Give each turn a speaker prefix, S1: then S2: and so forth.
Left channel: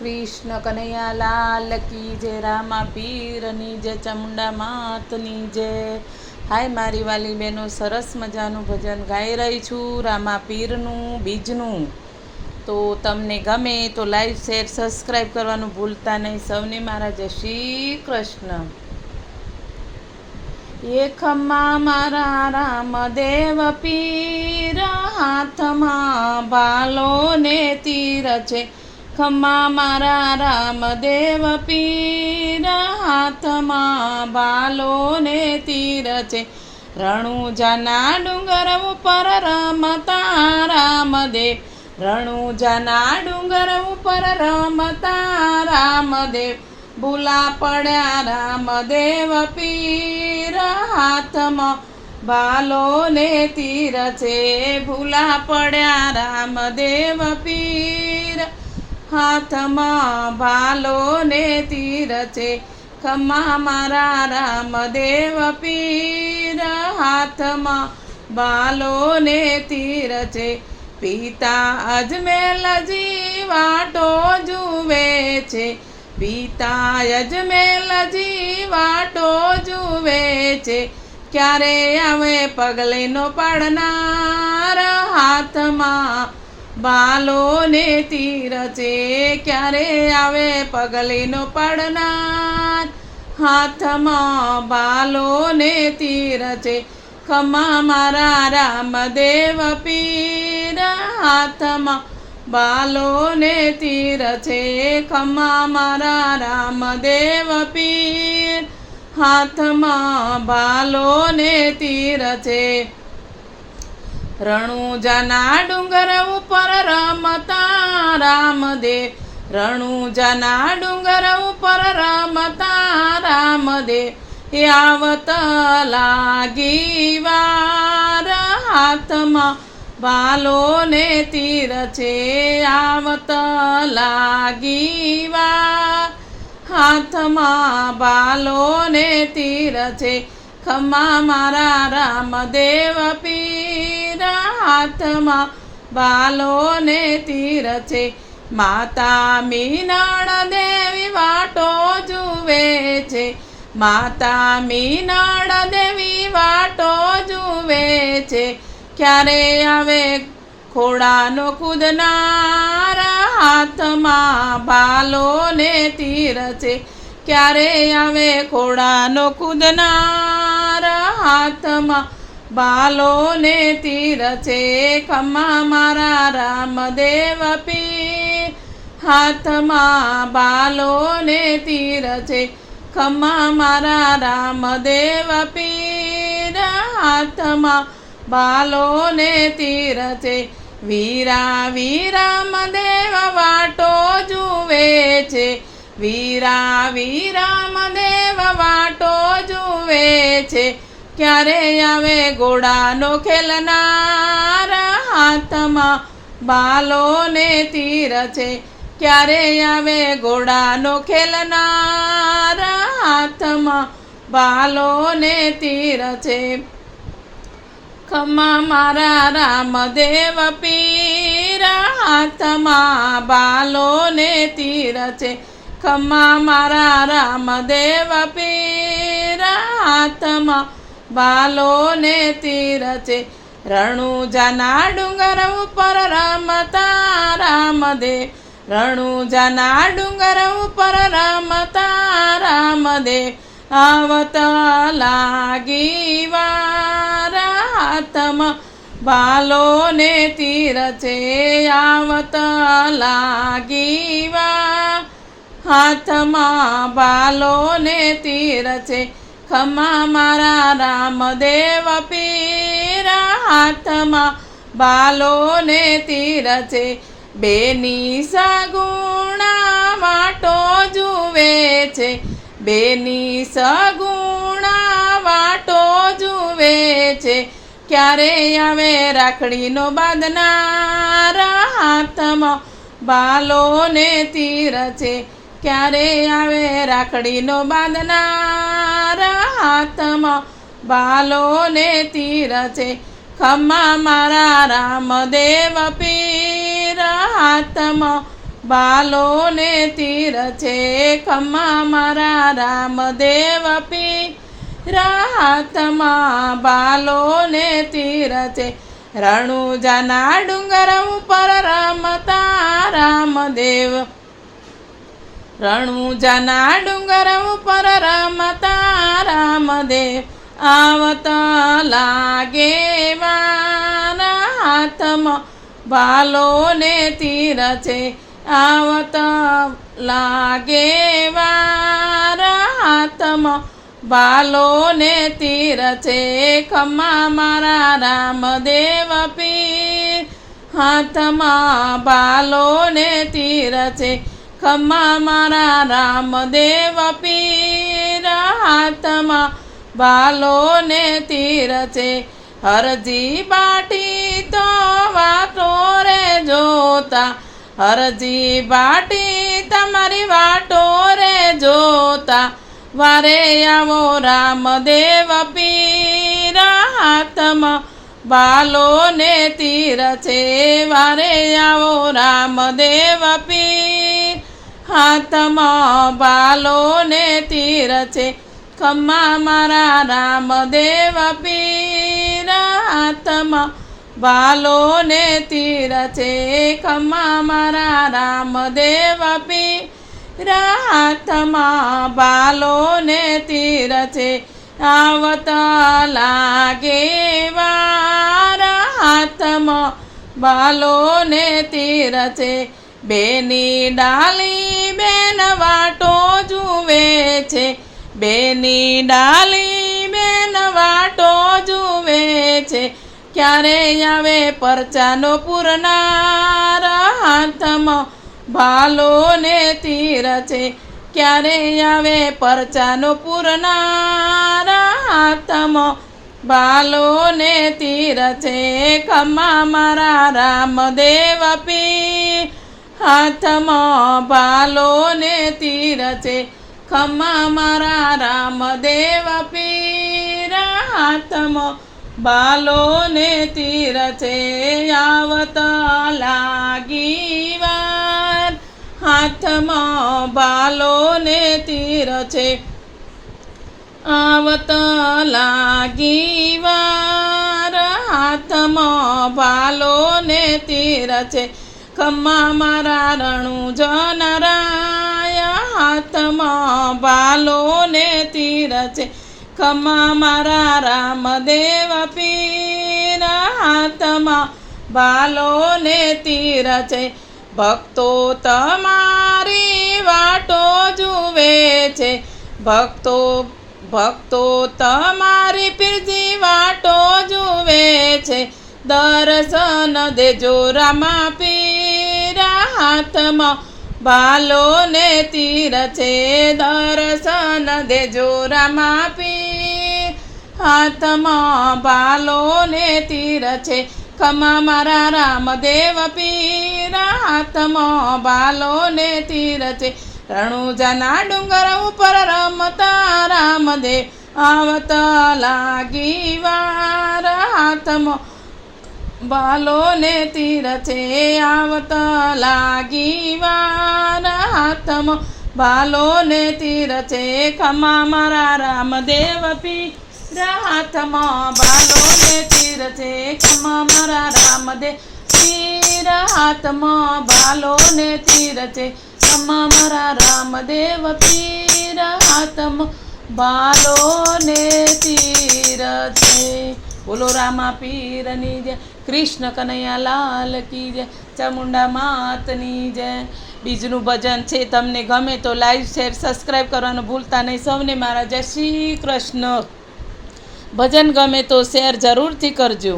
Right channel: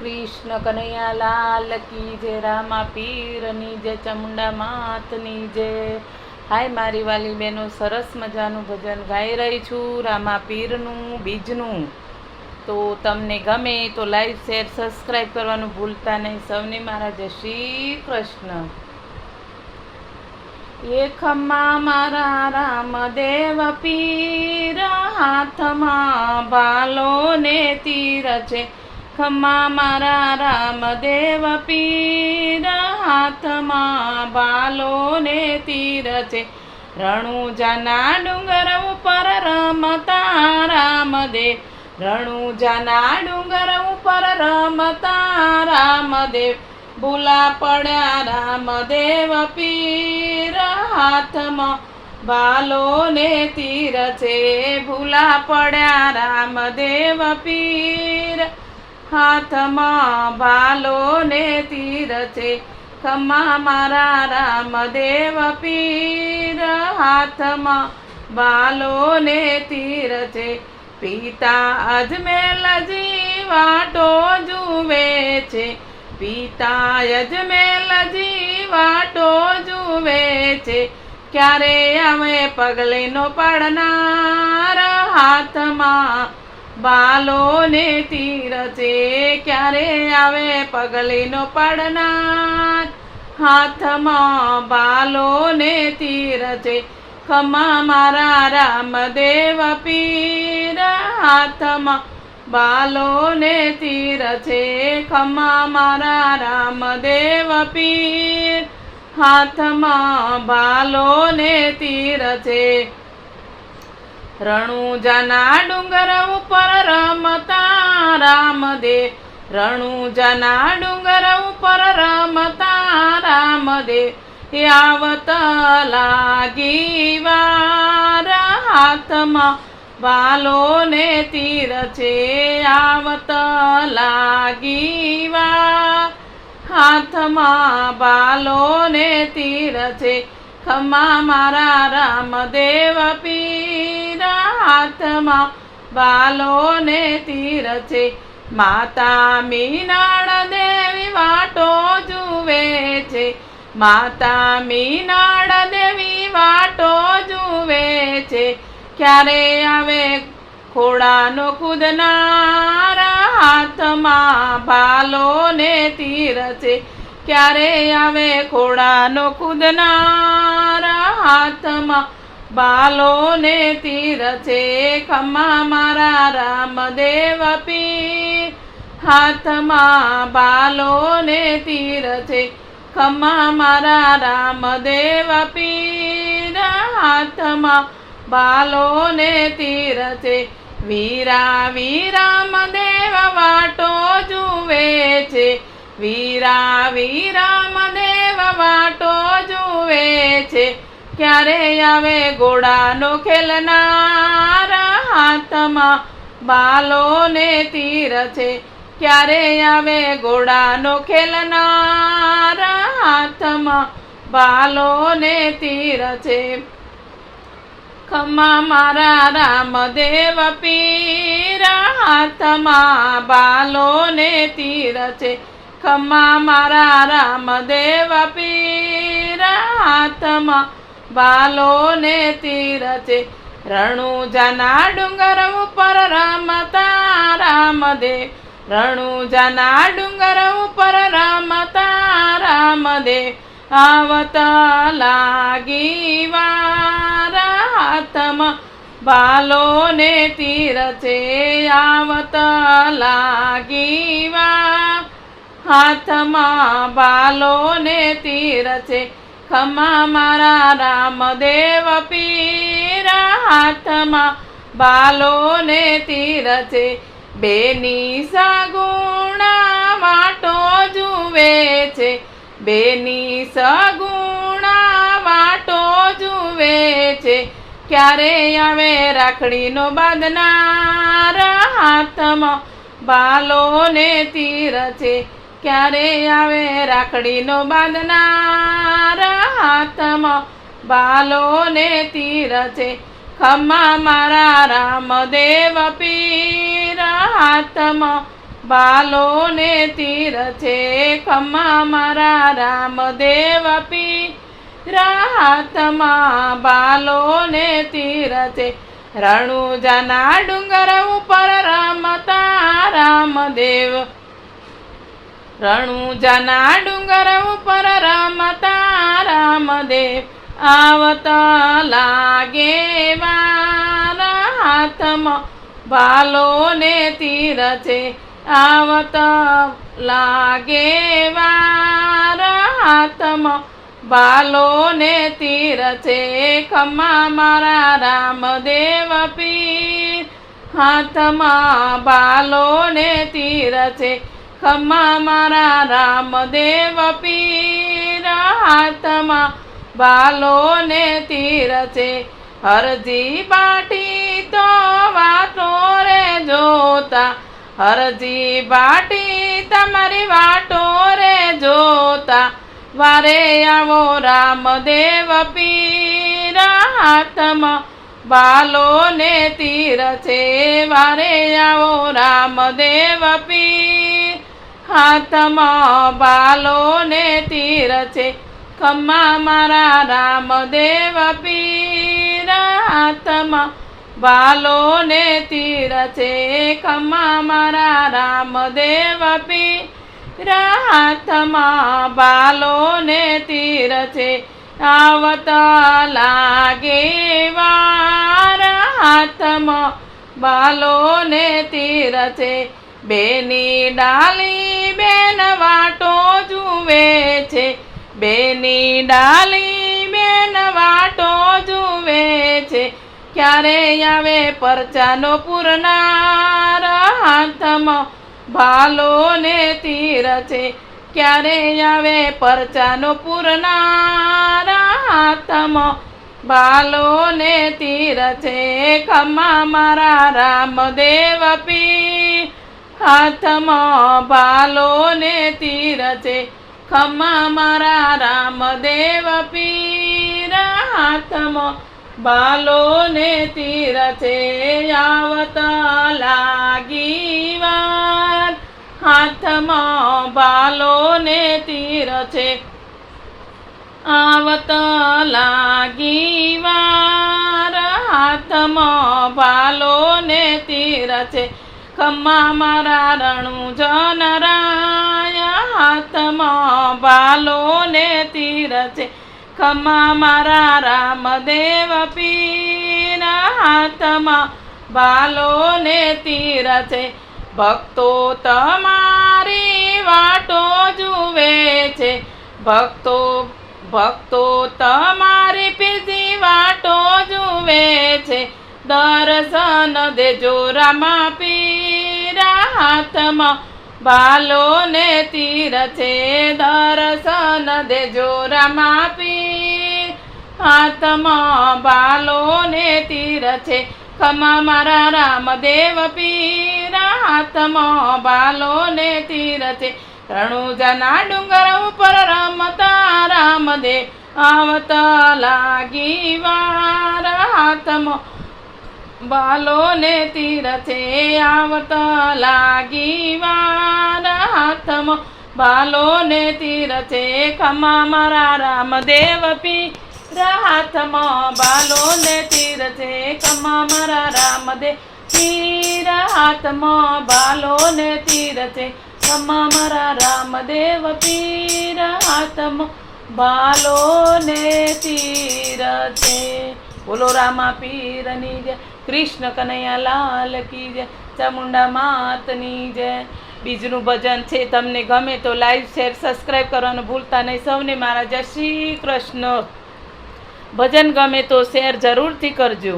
S1: કૃષ્ણ કનૈયા લાલ કી જય, રામા પીરની જય, ચામુંડા માતની જય. હાય મારી વાલી બહેનો, સરસ મજાનું ભજન ગાઈ રહી છું, રામા પીરનું, બીજનું. તો તમને ગમે તો લાઈક શેર, સબસ્ક્રાઈબ કરવાનું ભૂલતા નહીં. સૌને મારા જય શ્રી કૃષ્ણ. એ ખમ્મા મારા રામ દેવ પીર, હાથમાં ભાલો ને તીર છે. ખમ્મા મારા રામદેવ પીર, હાથમાં ભાલો ને તીર છે. રણુજાના ડુંગર ઉપર રમતા રામદેવ. રણુજાના ડુંગર ઉપર રમતા રામદેવ. ભૂલા પડ્યા રામદેવ પીર, હાથમાં ભાલો ને તીર છે. ભૂલા પડ્યા રામદેવ પીર હાથમાં ભાલો ને તીર છે. ખમા મારા રામદેવ પીર હાથમાં બાલો ને તીર છે. પિતા અજમેલ વાટો જુએ છે. પિતા અજમેલ વાટો જુએ છે. ક્યારે આવે પગલેનો પડનાર હાથમાં બાલો ને તીર ક્યારે આવે પગલીનો પડનાર? હાથમાં બાલો ને તીર છે ખમા મારા રામદેવ પીર. હાથમાં બાલો ને તીર છે ખમા મારા રામદેવ પીર. હાથમાં બાલો ને તીર છે રણુજાના ડુંગર ઉપર રમતા રામદેવ. રણુજાના ડુંગર ઉપર રમતા રામદેવ. આવત લાગી વાર હાથમાં બાલોને તીર છે. આવત લાગી હાથમાં બાલોને તીર છે. ખમા મારા રામદેવ પીર હાથમાં બાલોને તીર છે માતા મીનાળ દેવી વાટો જુએ છે. માતા મીનાળ દેવી વાટો જુએ છે. ક્યારે આવે ખોડાનો કૂદનાર હાથમાં બાલો ને તીર છે ક્યારે આવે ખોડાનો કૂદનાર હાથમાં બાલો ને તીર છે ખમ્મા મારા રામદેવ પીર હાથમાં બાલોને તીર છે ખમ્મા મારા રામદેવ પીર હાથમાં બાલોને તીર છે વીરા વીરામદેવ વાટો જુએ છે. વીરા વીરામદેવ વાટો જુએ છે. ક્યારે આવે ઘોડાનો ખેલનારા હાથમાં બાલો ને તીર છે. ક્યારે આવે ઘોડાનો ખેલનારા હાથમાં બાલોને તીર છે. ખમા મારા રામદેવ પીરા હાથમાં બાલોને તીર છે. ખમા મારા રામદેવ પીર હાથમાં બાલો ને તીર છે રણુજાના ડુંગર ઉપર રમતા રણુ રણુજાના ડુંગર ઉપર રમતા રામદેવ આવતા લાગી વાર હાથમાં તીર છે આવતા લાગી વાર હાથમાં બાલો ને ખમા મારા રામદેવ પીર હાથમાં બાલો ને તીર છે બેની સગુણા વાટો જુએ છે. બેની સગુણા વાટો જુએ છે. ક્યારે આવે રાખડીનો બાંધનાર હાથમાં બાલો ને તીર છે ક્યારે આવે રાખડીનો બાંધનાર હાથમાં બાલોને તીર છે ખમ્મા મારા રામદેવ પીર. હાથમાં બાલો ને તીર છે ખમ્મા મારા રામદેવ પીર. હાથમાં બાલો ને રણુજાના ડુંગર ઉપર રમતા રામદેવ. રણુજાના ડુંગર ઉપર રમતા રામદેવ આવતા લાગે વાના હાથમાં ભાલો ને તીર છે આવતા લાગે વાર હાથમાં ભાલો ને તીર છે ખમા મારા રામદેવ પીર હાથમાં ભાલો ને તીર છે ખમા મારા રામદેવ પીર હાથમાં બાલો ને તીર છે. હરજી બાટી તો વાટો રે જોતા. હરજી બાટી તમારી વાટો રે જોતા. વારે આવો રામદેવ પીર હાથમાં બાલો ને તીર છે. વારે આવો રામદેવ પીર. હાથમાં બાલો ને તીર છે. ખમ્મા મારા રામદેવ પીર હાથમાં બાલો ને તીર છે ખમ્મા મારા રામદેવ પીર હાથમાં બાલો ને તીર છે આવતા લાગે વાર હાથમાં બાલો ને તીર છે બેની ડાલી બેન વાટો જુએ છે. બેની ડાલી બેન વાટો જુએ છે. ક્યારે આવે પરચાનો પૂરનાર? હાથમાં ભાલો ને તીર છે. ક્યારે આવે પરચાનો પૂરનાર? હાથમાં ભાલો ને તીર છે. ખમા મારા રામદેવ પી હાથમાં ભાલો ને તીર છે. ખમ્મા મારા રામદેવ દેવ હાથમાં બાલો ને તીર છે આવતા લાગી વાર. હાથમાં બાલો ને તીર છે આવતા લાગી વાર. હાથમાં બાલો ને તીર છે ખમ્મા મારા રણુ જનરાય છે. ખમા મારા રામદેવ પીરા હાથમાં બાલો ને તીર છે. ભક્તો તમારી વાટો જુએ છે. ભક્તો ભક્તો તમારી પીરજી વાટો જુએ છે. દર્શન દેજો રામા પીરા હાથમાં બાલો ને તીર છે દર્શન દેજો રામા પીર હાથમાં બાલો ને તીર છે ખમા મારા રામદેવ પીર. હાથમાં બાલો ને તીર છે રણુજાના ડુંગર ઉપર રમતા રામદેવ. આવતા લાગી વાર. હાથમાં બાલો તીરથે આવતા લાગી વાર હાથમાં બાલોને તીરથે ખમા મારા રામદેવ પી. હાથમાં બાલોને તીરથે ખમા મારા રામદેવ પીર હાથમાં બાલો ને તીર છે ખમા મારા રામદેવ પીર હાથમાં બાલો ને તીર છે બોલો રામા પીરની જય, કૃષ્ણ કનૈયા લાલ કી જય, ચામુંડા માતની જય. બીજનું ભજન છે તમને ગમે તો લાઈવ શેર, સબસ્ક્રાઈબ કરવાનું ભૂલતા નહીં. સૌને મારા જય શ્રી કૃષ્ણ. ભજન ગમે તો શેર જરૂરથી કરજો.